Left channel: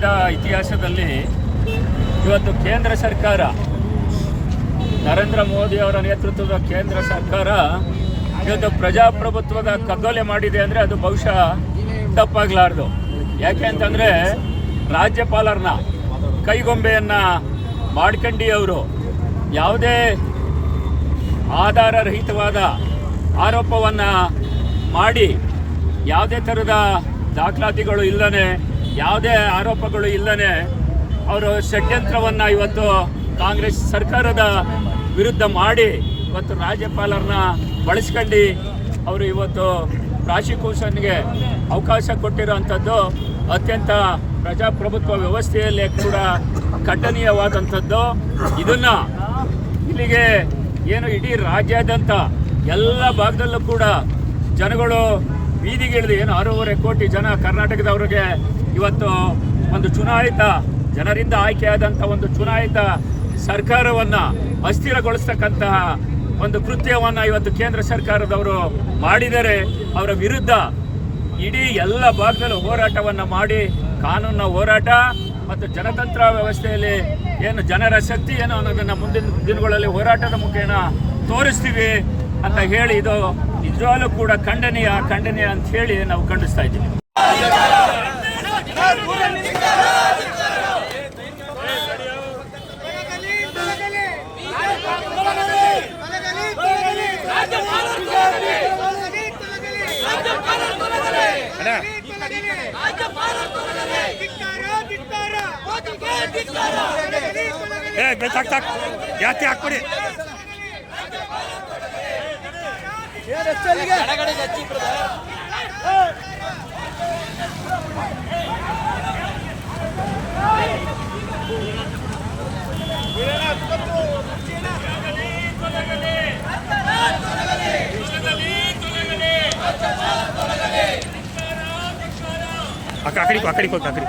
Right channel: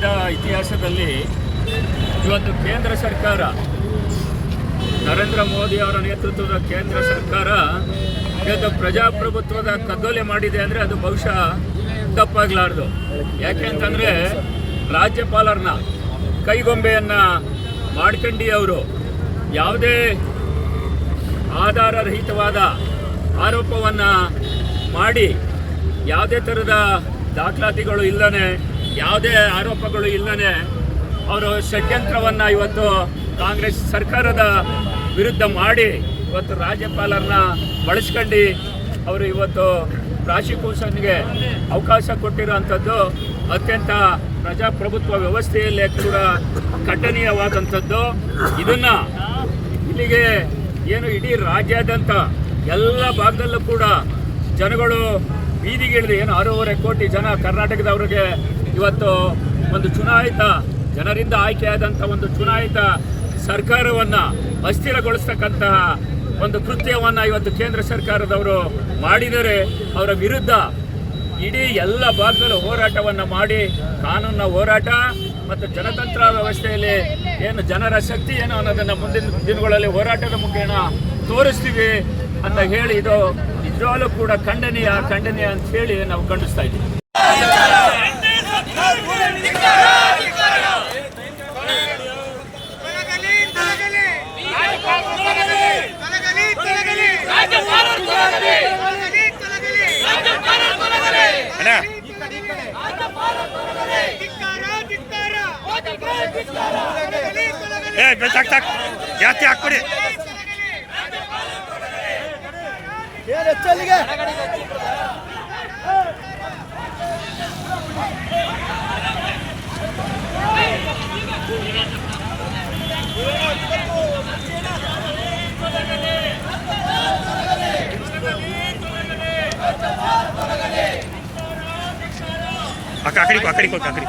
ರಾಜ್ಯದ ಇತಿಹಾಸದಲ್ಲಿ ಇವತ್ತು ಕೇಂದ್ರ ಸರ್ಕಾರ, ನರೇಂದ್ರ ಮೋದಿ ಅವರ ನೇತೃತ್ವದ ಕೇಂದ್ರ ಸರ್ಕಾರ ಇವತ್ತು ಪ್ರಜಾಪ್ರಭುತ್ವದ ಕಗ್ಗೊಲೆ ಮಾಡಿದೆ ಅಂದರೆ ಅದು ಬಹುಶಃ ತಪ್ಪಾಗಲಾರ್ದು. ಯಾಕೆ ಅಂತಂದರೆ ರಾಜ್ಯಪಾಲರನ್ನ ಕೈಗೊಂಬೆಯನ್ನು ಮಾಡ್ಕಂಡು ಅವರು ಯಾವುದೇ ಆಧಾರರಹಿತವಾದ ಆರೋಪವನ್ನು ಮಾಡಿ, ಯಾವುದೇ ಥರದ ದಾಖಲಾತಿಗಳು ಇಲ್ಲದೆ, ಯಾವುದೇ ಆರೋಪಗಳು ಇಲ್ಲದೆ ಅವರು ಷಡ್ಯಂತ್ರವನ್ನು ಇವತ್ತು ಕಾಂಗ್ರೆಸ್ ಸರ್ಕಾರದ ವಿರುದ್ಧ ಮಾಡಿ ಇವತ್ತು ರಾಜ್ಯಪಾಲರನ್ನ ಬಳಸ್ಕೊಂಡು ಅವರು ಇವತ್ತು ಪ್ರಾಸಿಕ್ಯೂಷನ್ಗೆ ಅವಕಾಶ ಕೊಟ್ಟಿರೋವಂಥದ್ದು ಅತ್ಯಂತ ಪ್ರಜಾಪ್ರಭುತ್ವ ವ್ಯವಸ್ಥೆಯಲ್ಲೇ ಕೂಡ ಖಂಡನೀಯವಾದಂಥದ್ದು. ಇದನ್ನು ಇಲ್ಲಿಗೆ ಏನು ಇಡೀ ರಾಜ್ಯಾದ್ಯಂತ ಎಲ್ಲ ಭಾಗದಲ್ಲೂ ಕೂಡ ಜನಗಳು ಬೀದಿಗಿಳಿದು ಏನು 6.5 ಕೋಟಿ ಜನ ಕರ್ನಾಟಕದವರಿಗೆ ಇವತ್ತು ಒಂದು ಚುನಾಯಿತ ಜನರಿಂದ ಆಯ್ಕೆಯಾದಂಥ ಒಂದು ಚುನಾಯಿತ ಸರ್ಕಾರವನ್ನು ಅಸ್ಥಿರಗೊಳಿಸ್ತಕ್ಕಂತಹ ಒಂದು ಕೃತ್ಯವನ್ನು ಇವತ್ತು ಕೇಂದ್ರ ಸರ್ಕಾರದವರು ಮಾಡಿದರೆ ಅವರ ವಿರುದ್ಧ ಇಡೀ ಎಲ್ಲ ಭಾಗದಲ್ಲೂ ಹೋರಾಟವನ್ನು ಮಾಡಿ ಕಾನೂನಿನ ಹೋರಾಟ ಮತ್ತು ಜನತಂತ್ರ ವ್ಯವಸ್ಥೆಯಲ್ಲಿ ಏನು ಜನರ ಶಕ್ತಿ ಏನು ಅನ್ನೋದನ್ನು ಮುಂದಿನ ದಿನಗಳಲ್ಲಿ ಹೋರಾಟದ ಮುಖೇನ ತೋರಿಸ್ತೀವಿ ಅಂತ ಹೇಳಿ ಇದು ನಿಜವಾಗ್ಲೂ ಕೂಡ ಖಂಡನೀಯ ಅಂತ ಹೇಳಿ ನಾವು ಖಂಡಿಸ್ತಾ ಇದ್ದೀವಿ. ಜಾಸ್ತಿ ಹಾಕ್ಬಿಡಿ. ಕಾಕಡಿ ಕಾಕಡಿ ಕಾಕಡಿ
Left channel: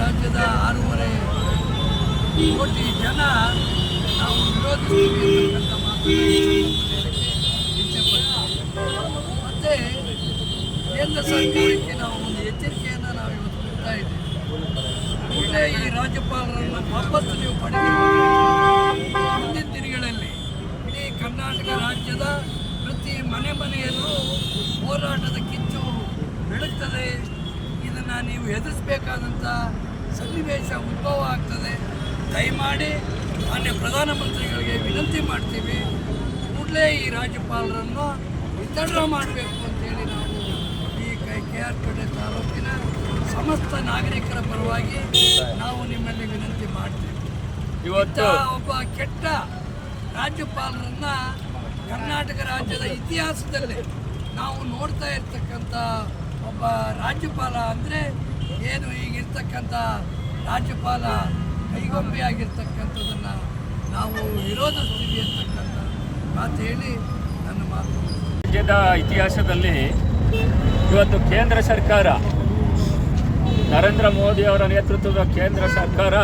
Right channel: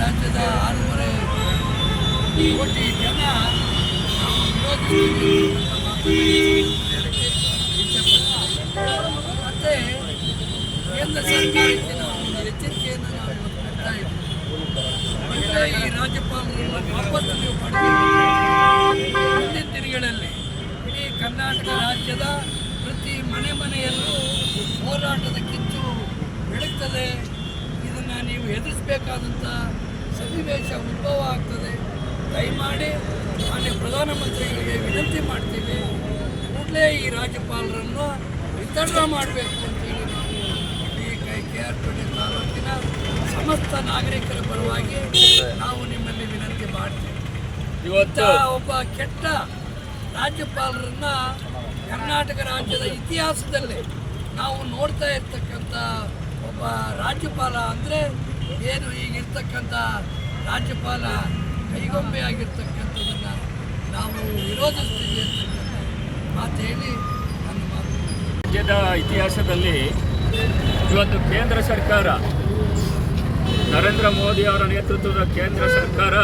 ರಾಜ್ಯದ 6.5 ಕೋಟಿ ಜನ ನಾವು ವಿರೋಧಿಸ್ತೀವಿ ಅಂತಕ್ಕಂಥ ಮತ್ತು ಕೇಂದ್ರ ಸರ್ಕಾರಕ್ಕೆ ನಾವು ಒಂದು ಎಚ್ಚರಿಕೆಯನ್ನು ನಾವು ಇವತ್ತು ಕೊಡ್ತಾ ಇದ್ದೀವಿ. ಈ ರಾಜ್ಯಪಾಲರನ್ನು ವಾಪಸ್ ನೀವು ಪಡೆದಿದ್ದೀವಿ. ಮುಂದಿನ ದಿನಗಳಲ್ಲಿ ಇಡೀ ಕರ್ನಾಟಕ ರಾಜ್ಯದ ಪ್ರತಿ ಮನೆಯಲ್ಲೂ ಹೋರಾಟದ ಕಿಚ್ಚು ಬೆಳಗ್ತದೆ. ಇದನ್ನು ನೀವು ಎದುರಿಸಬೇಕಾದಂಥ ಸನ್ನಿವೇಶ ಉದ್ಭವ ಆಗ್ತದೆ. ದಯಮಾಡಿ ಮಾನ್ಯ ಪ್ರಧಾನಮಂತ್ರಿಗಳಿಗೆ ವಿನಂತಿ ಮಾಡ್ತೀವಿ, ಕೂಡಲೇ ಈ ರಾಜ್ಯಪಾಲರನ್ನು ವಿತರಣೆ ಮಾಡಬೇಕು ಅಂತೇಳಿ ನಾವು ಈ KR ಪೇಟೆ ತಾಲೂಕಿನ ಸಮಸ್ತ ನಾಗರಿಕರ ಪರವಾಗಿ ನಾವು ನಿಮ್ಮಲ್ಲಿ ವಿನಂತಿ ಮಾಡ್ತೀವಿ. ಇವತ್ತು ಒಬ್ಬ ಕೆಟ್ಟ ರಾಜ್ಯಪಾಲರನ್ನು ಕರ್ನಾಟಕ ರಾಜ್ಯದ ಇತಿಹಾಸದಲ್ಲಿ ನಾವು ನೋಡ್ತಾ ಇರ್ತಕ್ಕಂಥ ಒಬ್ಬ ರಾಜ್ಯಪಾಲ ಅಂದರೆ ಏನು ಈಗಿರ್ತಕ್ಕಂಥ ರಾಜ್ಯಪಾಲ ಕೈಗೊಂಬೆ ಆಗಿರ್ತಕ್ಕಂಥದ್ದನ್ನು ನಾವು ವಿರೋಧಿಸ್ತೀವಿ ಅಂತಕ್ಕಂಥ ಮಾತು ಹೇಳಿ ನನ್ನ ಮಾತು. ರಾಜ್ಯದ ಇತಿಹಾಸದಲ್ಲಿ ಇವತ್ತು ಕೇಂದ್ರ ಸರ್ಕಾರ, ನರೇಂದ್ರ ಮೋದಿ ಅವರ ನೇತೃತ್ವದ ಕೇಂದ್ರ ಸರ್ಕಾರ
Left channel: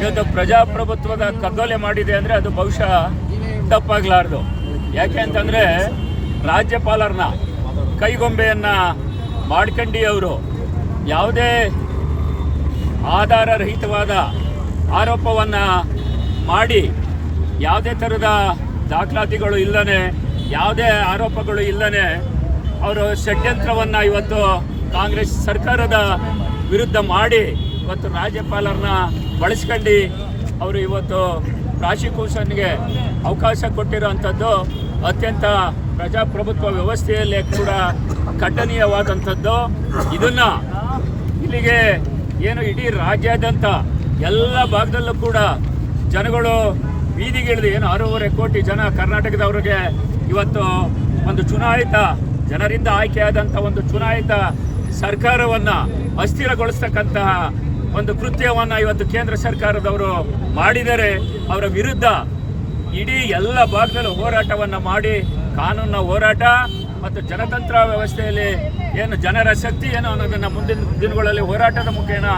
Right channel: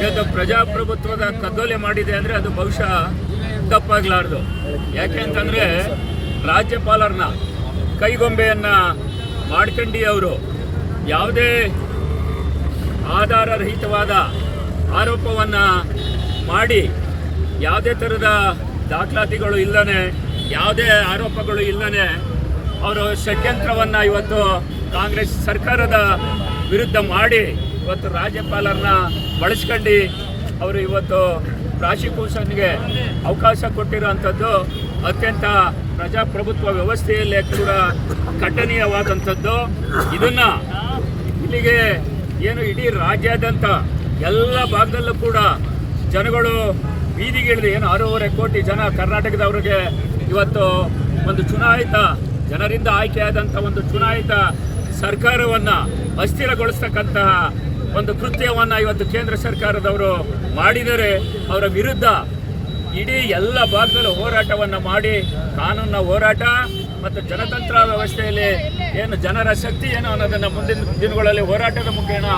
ಇವತ್ತು ಪ್ರಜಾಪ್ರಭುತ್ವದ ಕಗ್ಗೊಲೆ ಮಾಡಿದೆ ಅಂದರೆ ಅದು ಬಹುಶಃ ತಪ್ಪಾಗಲಾರ್ದು. ಯಾಕೆ ಅಂತಂದರೆ ರಾಜ್ಯಪಾಲರನ್ನ ಕೈಗೊಂಬೆಯನ್ನು ಮಾಡ್ಕಂಡು ಅವರು ಯಾವುದೇ ಆಧಾರರಹಿತವಾದ ಆರೋಪವನ್ನು ಮಾಡಿ, ಯಾವುದೇ ಥರದ ದಾಖಲಾತಿಗಳು ಇಲ್ಲದೆ, ಯಾವುದೇ ಆರೋಪಗಳು ಇಲ್ಲದೆ ಅವರು ಷಡ್ಯಂತ್ರವನ್ನು ಇವತ್ತು ಕಾಂಗ್ರೆಸ್ ಸರ್ಕಾರದ ವಿರುದ್ಧ ಮಾಡಿ ಇವತ್ತು ರಾಜ್ಯಪಾಲರನ್ನ ಬಳಸ್ಕೊಂಡು ಅವರು ಇವತ್ತು ಪ್ರಾಸಿಕ್ಯೂಷನ್ಗೆ ಅವಕಾಶ ಕೊಟ್ಟಿರುವಂಥದ್ದು ಅತ್ಯಂತ ಪ್ರಜಾಪ್ರಭುತ್ವ ವ್ಯವಸ್ಥೆಯಲ್ಲೇ ಕೂಡ ಖಂಡನೀಯವಾದಂಥದ್ದು. ಇದನ್ನು ಇಲ್ಲಿಗೆ ಏನು ಇಡೀ ರಾಜ್ಯಾದ್ಯಂತ ಎಲ್ಲ ಭಾಗದಲ್ಲೂ ಕೂಡ ಜನಗಳು ಬೀದಿಗಿಳಿದು ಏನು 6.5 ಕೋಟಿ ಜನ ಕರ್ನಾಟಕದವರಿಗೆ ಇವತ್ತು ಒಂದು ಚುನಾಯಿತ ಜನರಿಂದ ಆಯ್ಕೆಯಾದಂಥ ಒಂದು ಚುನಾಯಿತ ಸರ್ಕಾರವನ್ನು ಅಸ್ಥಿರಗೊಳಿಸ್ತಕ್ಕಂತಹ ಒಂದು ಕೃತ್ಯವನ್ನು ಇವತ್ತು ಕೇಂದ್ರ ಸರ್ಕಾರದವರು ಮಾಡಿದರೆ ಅವರ ವಿರುದ್ಧ ಇಡೀ ಎಲ್ಲ ಭಾಗದಲ್ಲೂ ಹೋರಾಟವನ್ನು ಮಾಡಿ ಕಾನೂನಿನ ಹೋರಾಟ ಮತ್ತು ಜನತಂತ್ರ ವ್ಯವಸ್ಥೆಯಲ್ಲಿ ಏನು ಜನರ ಶಕ್ತಿ ಏನು ಅನ್ನೋದನ್ನು ಮುಂದಿನ ದಿನಗಳಲ್ಲಿ ಹೋರಾಟದ ಮುಖೇನ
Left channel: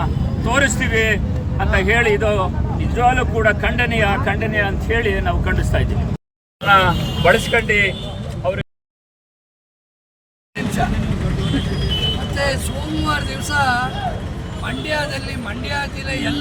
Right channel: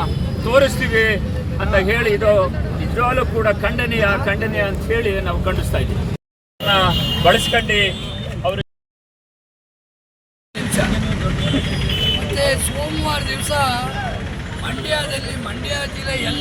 ತೋರಿಸ್ತೀವಿ ಅಂತ ಹೇಳಿ ಇದು ನಿಜವಾಗ್ಲೂ ಕೂಡ ಖಂಡನೀಯ ಅಂತ ಹೇಳಿ ನಾವು ಖಂಡಿಸ್ತಾ ಇದ್ದೀವಿ. ಬಳಸ್ಕೊಂಡು ಅವರು ಮತ್ತೆ ಸೋಮವಾರ ದಿವಸ ಮಂಡ್ಯದಲ್ಲಿ ಮಂಡ್ಯ ಜಿಲ್ಲೆ ಎಲ್ಲ